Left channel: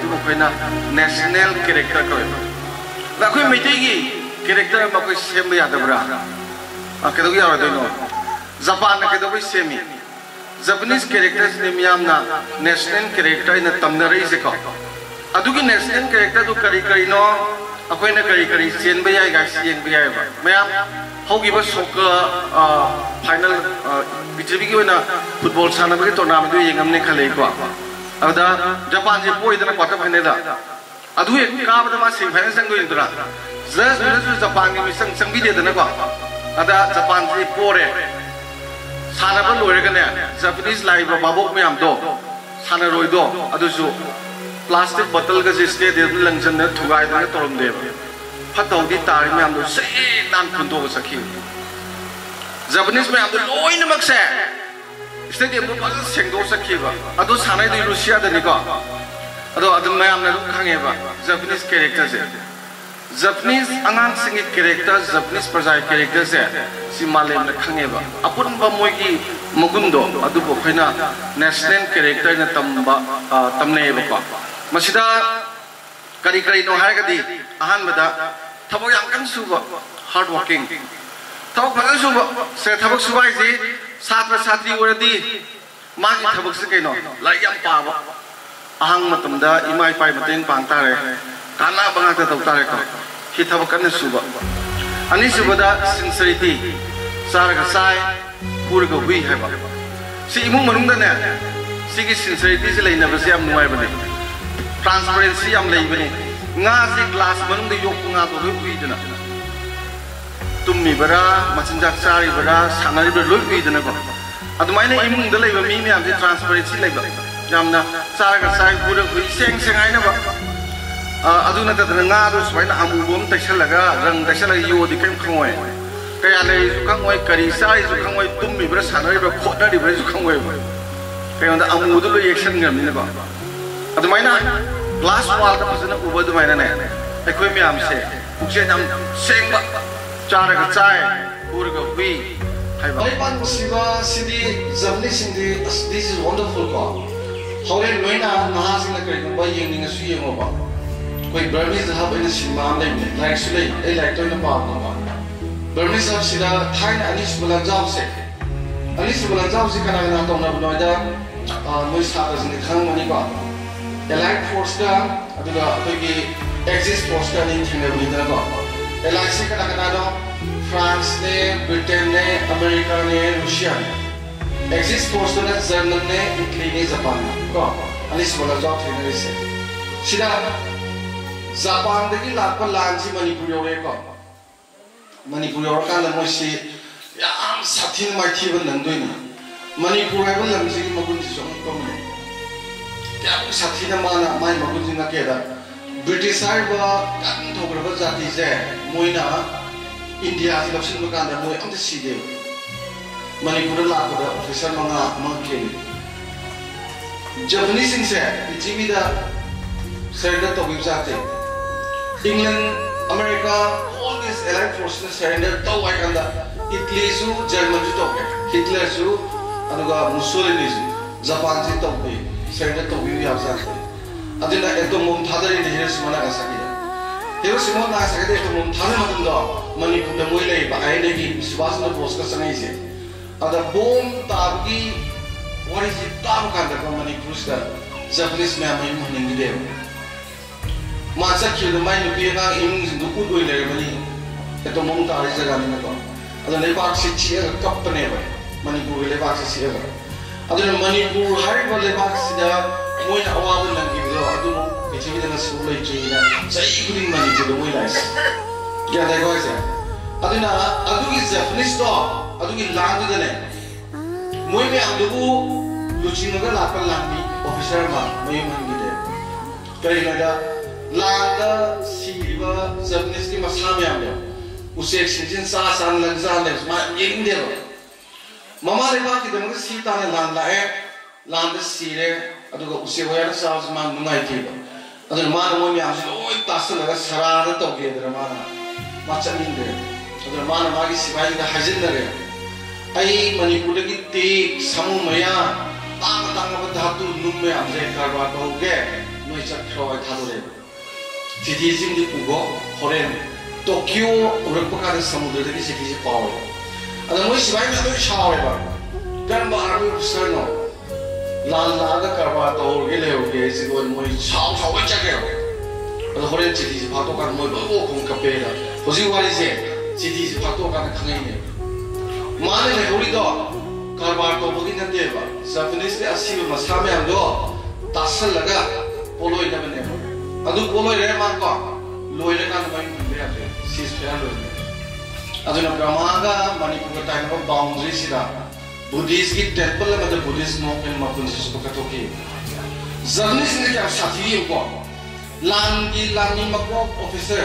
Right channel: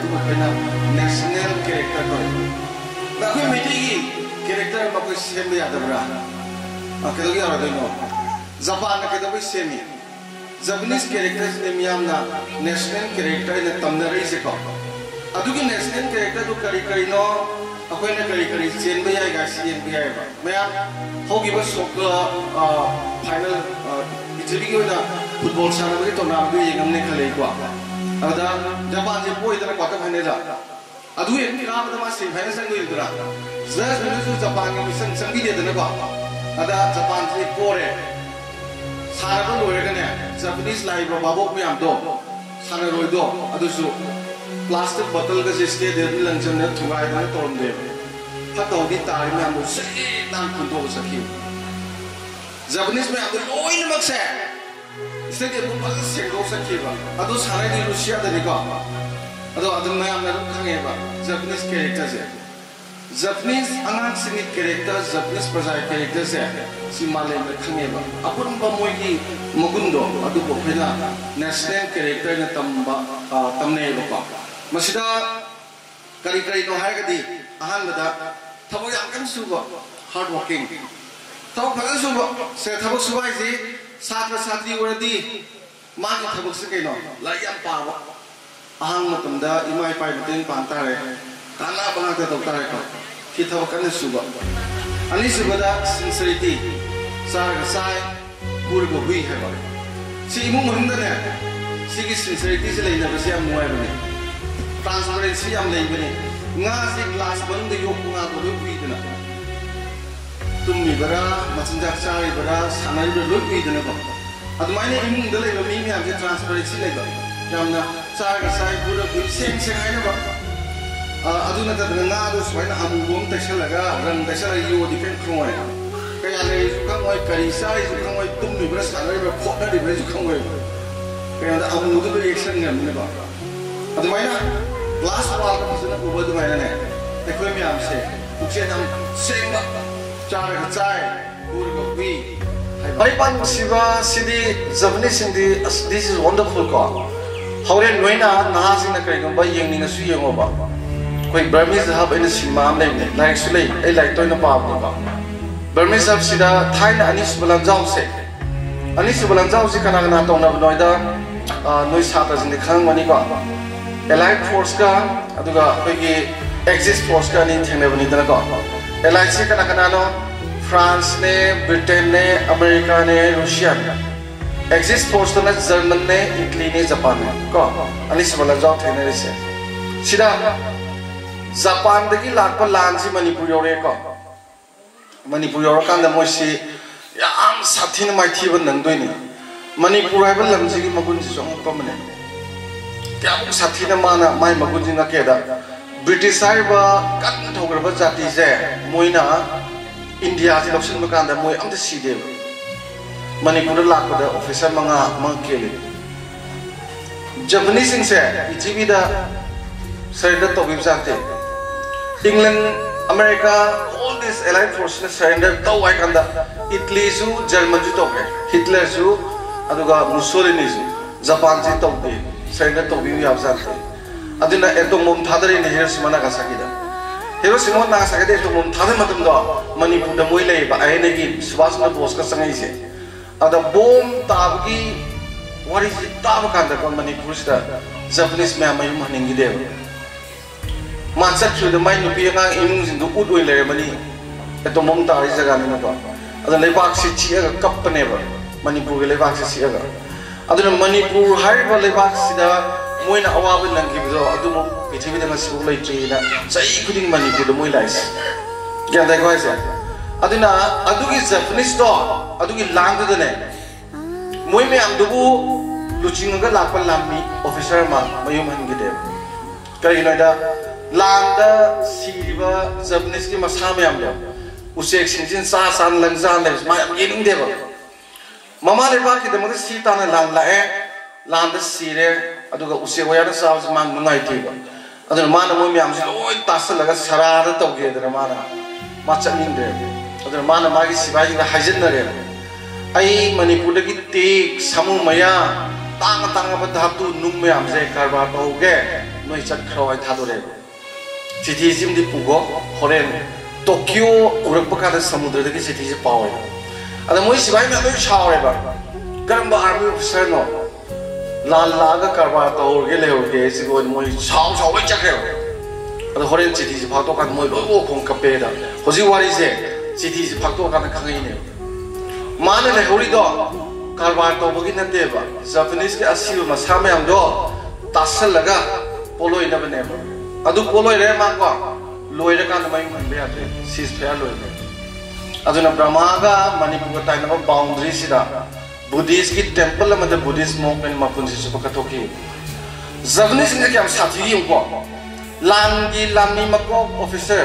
National character को मैटी character कोई सेम यादब्रा कदो जापान कदो सेमी जापानीज कैरेक्टर नेशनल कैरेक्टर तमनरीसे को नेशनल कैरेक्टर करी करीनो अखोना करी करी चेंब येंब मैम होगी सोकर फाइनल पृथ्वी की फुटबॉल सानबी टूर्नामेंट येंगमने खलेको जापान से पोईदना quarter final Cabo de semi final चंगदरा जज जापान की मिसन चंबीदेदनको जापान से पोरे सानब लोरगने जापानीज लाइव बाबोक मैम सानरोइदो प्लास्टिक बटल का स्टेडियम लंजन थुगाई तौरमदे फतौदी तारी मैम से नान खुंदो सखी जापानीज मैम लोइनमक से स्टेडियम सेंगो सखीबा सानाई रूसिया दनिको मैम खाएबा जापानीज कैरेक्टर से जापानीज आंगांग कैरेक्टर जापानीज प्रजा कैरेक्टर से मालेम खाएबा अपुनब मोगी मगुंदो नेशनल कैरेक्टर तमनेबको मसिदा करी करी नो हारगदी अहानबदा थबक याम कन सुब हार्ड वर्किंग थबक फजन सुब से थबक सुबाइजी छात्र छात्री ओरदी मागी थबक से कइनो लाई याम पाबा अहांग मतमदा इमाई पाई मतेंग पांतारे काना बंगा तौतारे को कि थबक कन सुब अनि सुबदा सिंसिरिटी सारगा साय पुरगो हुई हैबा सि इमुंग मनुंगदने सिगी सिंसिरिटी से लेनबसे याम नुवाइबने ट्रांसपेरेंसी ग्लास मनुंग योगना लोईदना तुम्मीबरा मचिंजा चारीबरा सानारीबरा लोईदनको अदुमाइना इमुंग मी मैम से ट्रांसपेरेंसी यामना चारगा चाय पूरा हुई सेंग सेंगाइनबा सुमाइना अमुबम तैसलगा रंग तैसलगा योदी कम खंगोय कया लेजु खंगोय करी चारीजु खंगोय तुम्मीबरा सानारीबरा खोटनारीबरा खंगोय कयोंदा अमुदु लो एक्शन गमिनबा अदुमाइना ग्लास वाल का फजन उबदुमाइना ने अखोय मैम से पुक्से नाम सेंबा चारगा चाय पूरगा हुई Aipan siba sidi Japanese sindi this is wonderful ko. Hore loina naha sina kai ko bai yeng ni su yeng ba. Koi Burmese hub in sima am nei like su lei ai like toina pa ba. Burmese hub sida thaina anis bulan jaw se. Anis bulan jaw se kana kana tona noida noi sa ta jin khang mani ba. Allied force ka aduga koi exist force ka ni thene bani dana ko. Allied se kana kana no France ने Britain ने America ने Russia ने exist force तो ने German ने Italy ने Japan ने को अनिस वाला जाओ थे ने से सिदा जापान दगी लाख लान सी मणिपुर योरे को मणिपुर योर कांद मोसी याम साथिन माइथी बन नंदोइनी मणिपुर आइबन लमजी की मगुन जी जों को मने त्याम साथिन माना माइ मगुन जी ना केदा ब्रिटिश आइबा कन थोगरब जाति जे मोइना इंडिया से लक्ष्मी दुकान मोई अम सीदे मणिपुर लापद ऑफिसर मंगा मंगेली जपनीज से पृथ्वी सरेंडर तौब जाते England America all this allied force ने सरेंडर तौ इटली जर्मन तौबे हिटलर मुसोलिनी जापान से तौबे सरेंडर तौब जाते एटोम थादरी Hiroshima Nagasaki Hiroshima Nagasaki atom थादे मणिपुर मोई लेगी सुभाष चंद्र बोस का संगई से बोम ताबगी वारी से ताब कांद मणिपुर से जापानीज मैम मयूम हनिंगीदेव मा चखिबद माइ नुपी अगा इमुंग उद ओइ लेरमनी एटोम ताबी जगह लेबाक से चिगा कपनेब मणिपुर लेबाक से चिगा मणिपुर हाइब लेबाक सिदा मोइना अवाब नंगिबदो अदु पृथ्वी सु लेट्रीना चई खुदिंग मणिपुर मोइ लाइस क्या देखो ऐसे अदिना अदुगी जापानीज तो अदुगी लांग दने मोइ में अदुबु लुचिंग का लापन लांगी ऑफिसर मा मयूम हनिंगीदेव करिनादा लांग सीबा जापानीज की मसा में आमदो उसे एक्सचेंज सा सान लंजान ने मा येलिंग देव ममा लेबा की दमग सी ताने लांग लाए लांग सीरे अदुगा उसे वयादा साउस मान नुंगाई थीबा अदुन मान मोइ में आमसे लोय तासलगा सरार तौगे दरे माना माचमिंदे अदुन मान मागी सिबाई गा हाइजनरे आई मणिपुर की तेक समू मया तांग तांग धातु नुम में आमसे कारबा तौगे noi chat khrawai thadore chithi sim di pugo horen Tokyo urak pakada samudra de chithi je paw ada moi sibai na doi chawe ba karam ba army officer no lal laga karba to ge le ho ge si go moi chau chau wai chak ada horen chithi je phato kan moi bo khong kape da hoji wari se chithi je phato kan khangai ne mane le hori do karba to bo gi na de ba Japanese ke asil masame am do tasal laga poloi na bane ba adu poloi re ma ko loi re kan mai man be ate sis fair loi ne aduna brahma ga manipur ga tai na boundary sida Buddhist ki temple ma the Buddhist monk and makun si ko katoki Japanese ne kya sathi yi ko landi lami makro officer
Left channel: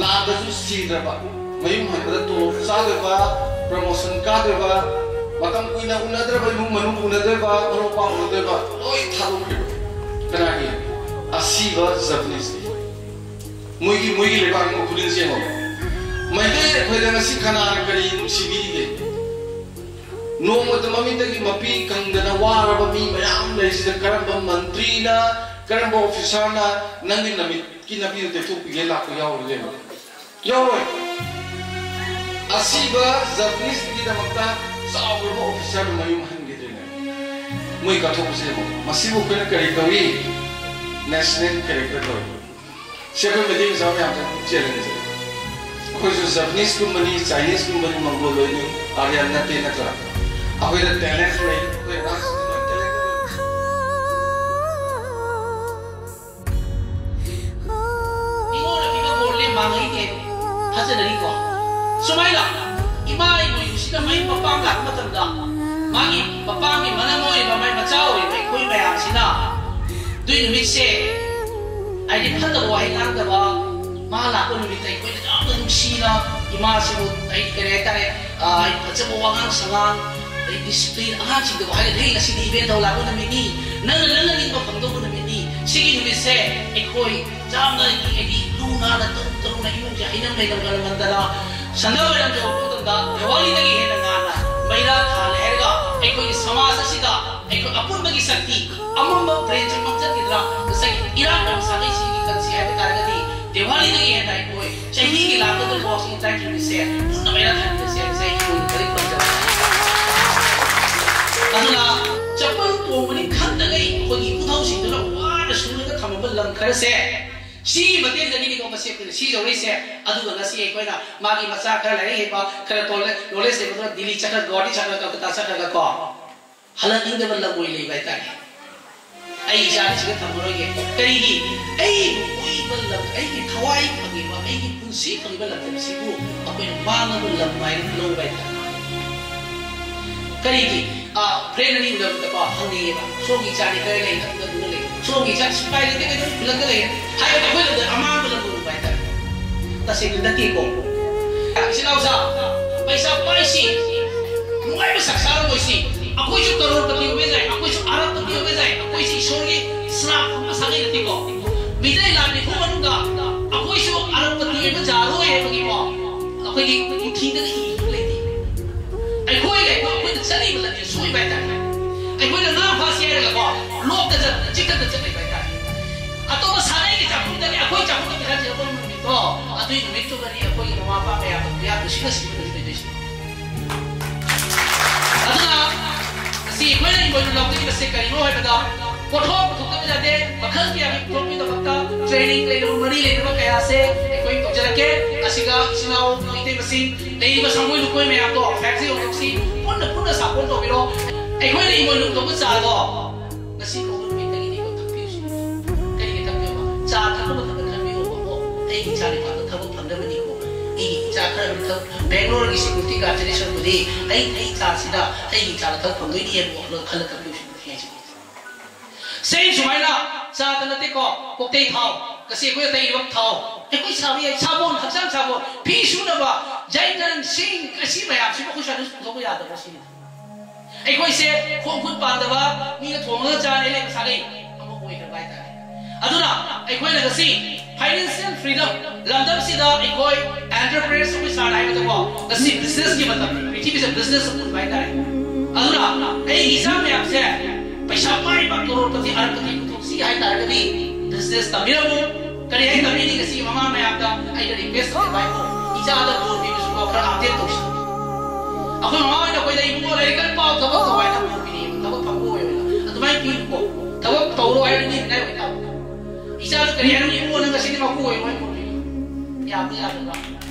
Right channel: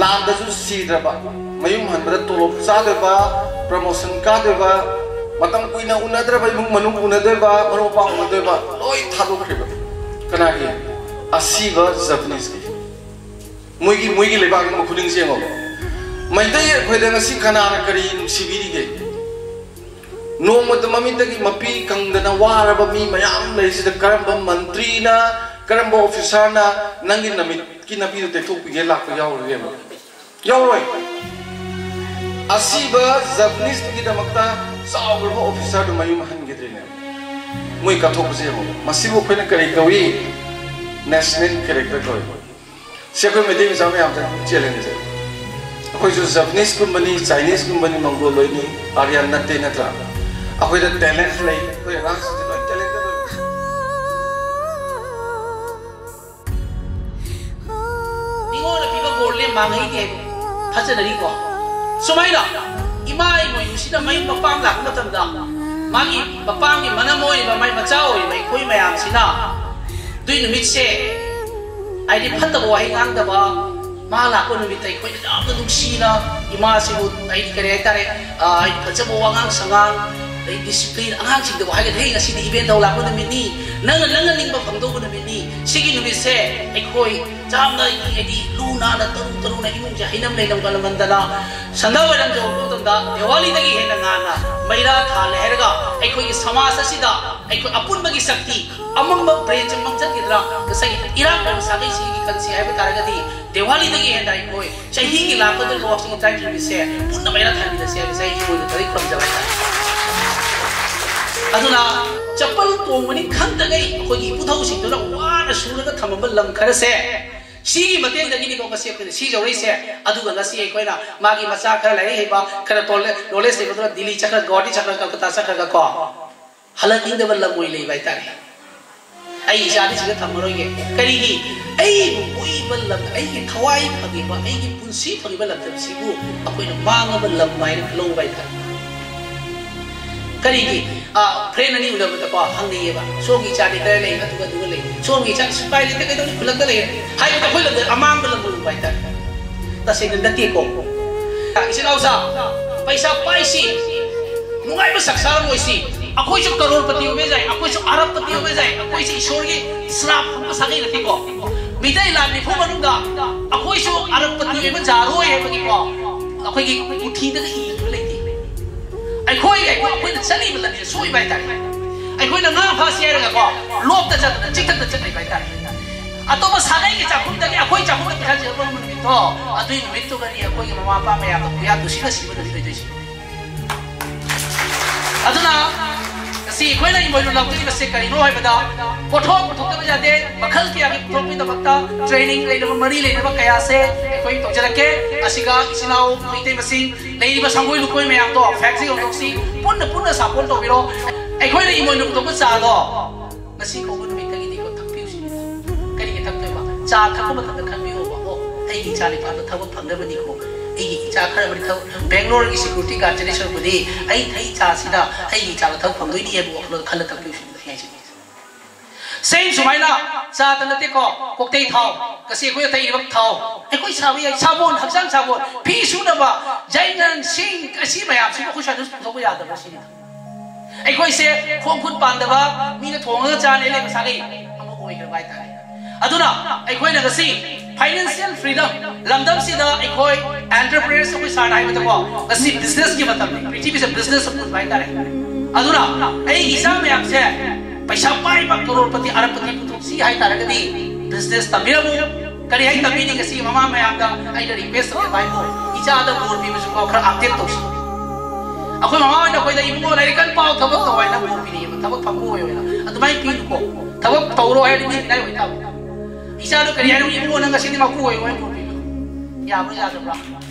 lam da su si da ba mayum han da to sa de ba promotion ka de ba matang kuina unadra ba imung manung unadra ba mano pa unadra ba loi thalo ke ba kana ki asiba Japanese ki muigi le ba mo khulin se mo mai dai khoi da si khana kari sibiri ge no mo da mami ta ki mapi kang da na wara ba mi mayam le si da karam ba mantri na karam ba officer na nangin na mi ki na bi te tu pi ge la ko yaw ge no yaw asiba Japanese ki da makta saur ba officer do mai mahan ge ne moi ka thok se mo masibo ko na kari kawi national character ko se ko me ding saw yam ta challenge se ko jo Japanese company Chinese company mongol ni arian na te na tra ako da talent lai ko ra talent ni mo na ki ba bol le mang hi ke thacha da ri ko sumai la imai mo yu sida mai pa pam la ma tam da magi pa pam ni mana mo ni ba mai ma chao ni mai koi mayam sina dui nu mit se ai di phan da bo hai ngang da ba ma la ko nu mit tai koi da da du sina ima si bu ai kare tare ai phacha bo wangang sangang ai discipline angang sing da bo hai da hei si di event da la ko na mi ni na na ling ba phang do ko na mi ni sigi nu mit se ai koi jam da ai di lu na la tum na imung ja hinam dai dam ka lang da la Sanda walam jo utam da Diwali dagi hena ngana maira khale herga ai koi samaj asida ai koi apun bagi sakti amam ba brain mang jat kidra sai ira kan sagai si kan si hai ba ga di Diwali dagi hena ai koi chahi ki la ko do walking time to se punna maira khan da se sai koi koi pam ja aduna chapal to mani khan da gai koi ki puthau sing do wa na sura ga thamam lam khar se si mateng da ni ko ma se si jo re se adu ga si ai koi na magi macha khara lai he ba khara tol knowledge de ko dili chakra godi chakra ka ta chakra ka ko halan ing de bal moi lei bai ta ai ja ni siga thamro ye kari gi ai moi bal lam ai ki thawai phagi ba ai ki punsi phagi bal lam si bu akoi na bang bal lam mai lo bai ta kari gi friend ani udah kita kau hang ni ba so gi cari kaya lei na tu ga lei so gi cari spy ni te kai tu lei hai ta koi le amang bal lam bai ta ta se nda ti ko isi lau sa paisa pai si nungai ba saksa ngoi si akoi chu crorepati ho jai akoi chu arabpati ho jai akoi si ishwar gi slap pa sagai na ti ko bidai la ni phu manung da akoi chu arabpati ba jaro he ba ki ko akoi gi uthi da i lei ti ai khoi ga akoi da chali ba la ni soi bai ta ai khoi da na pha sia ga ko lop da chik da chak bai ta atau masagai ki chapun da akoi chapun da kha je ko mun ni to adui ni to ga ni akoi gi mama pa ya ya du sika si ba da dei si aduna si khoi na ni moi lo ki ba se kai no hai ba da pothok da ba ja de bakhal ki abi to pi da bakta training le da mari le da kaya se koi to jara ke asiga isinao ite masin nei ba sangoi lu koi me am to factory of si punna support to biro ai khoi na ni moi lu to ba sa do nasi ko mun mi kali ni ko thak pi si kali ni thak ke ba cha thak ko ba thak kan mi ho ba ai ki cha ni pa to thak phang da ba ni ko ai ki cha khar ba thak Bangalore ki security guard generation bu di ai cha sida ai ki cha thak phang doi ni ye bu lo khal thak pi si hai si Same sumaina sa tanate ko koktei thau kasi ko tai wak thau ai koi sawi ai sabon haksang sabon pi su na ba jainan sing kasi mayam si ko sa dus ko ya da ba si ai koi se khong khut pan da ba mi na thong ga cha ne le sa gai amo koi ga bai ta aduna ai koi na kasi financial freedom lamdam si da ai koi entrepreneurs ko sa dai ba ta ko kasi business ki matam it is a business of bai ta aduna ai isa mayam se paisa pai mai pak crorepati arapati putoksi hai taragadi business tamiramu kari hai tamini kasi mama mai apda ai da request ke bai mo ija da bor bi musu ko khara update to akoi mama da koi da ibu lai kan pau thabak to bai na bor bi ni thabak phamu hoy na adumai pi ko thabak tawro hai ni nai hoy ta ija da kari hai ibu na ngasi ni ma ku hoy mai ko ya bu ya da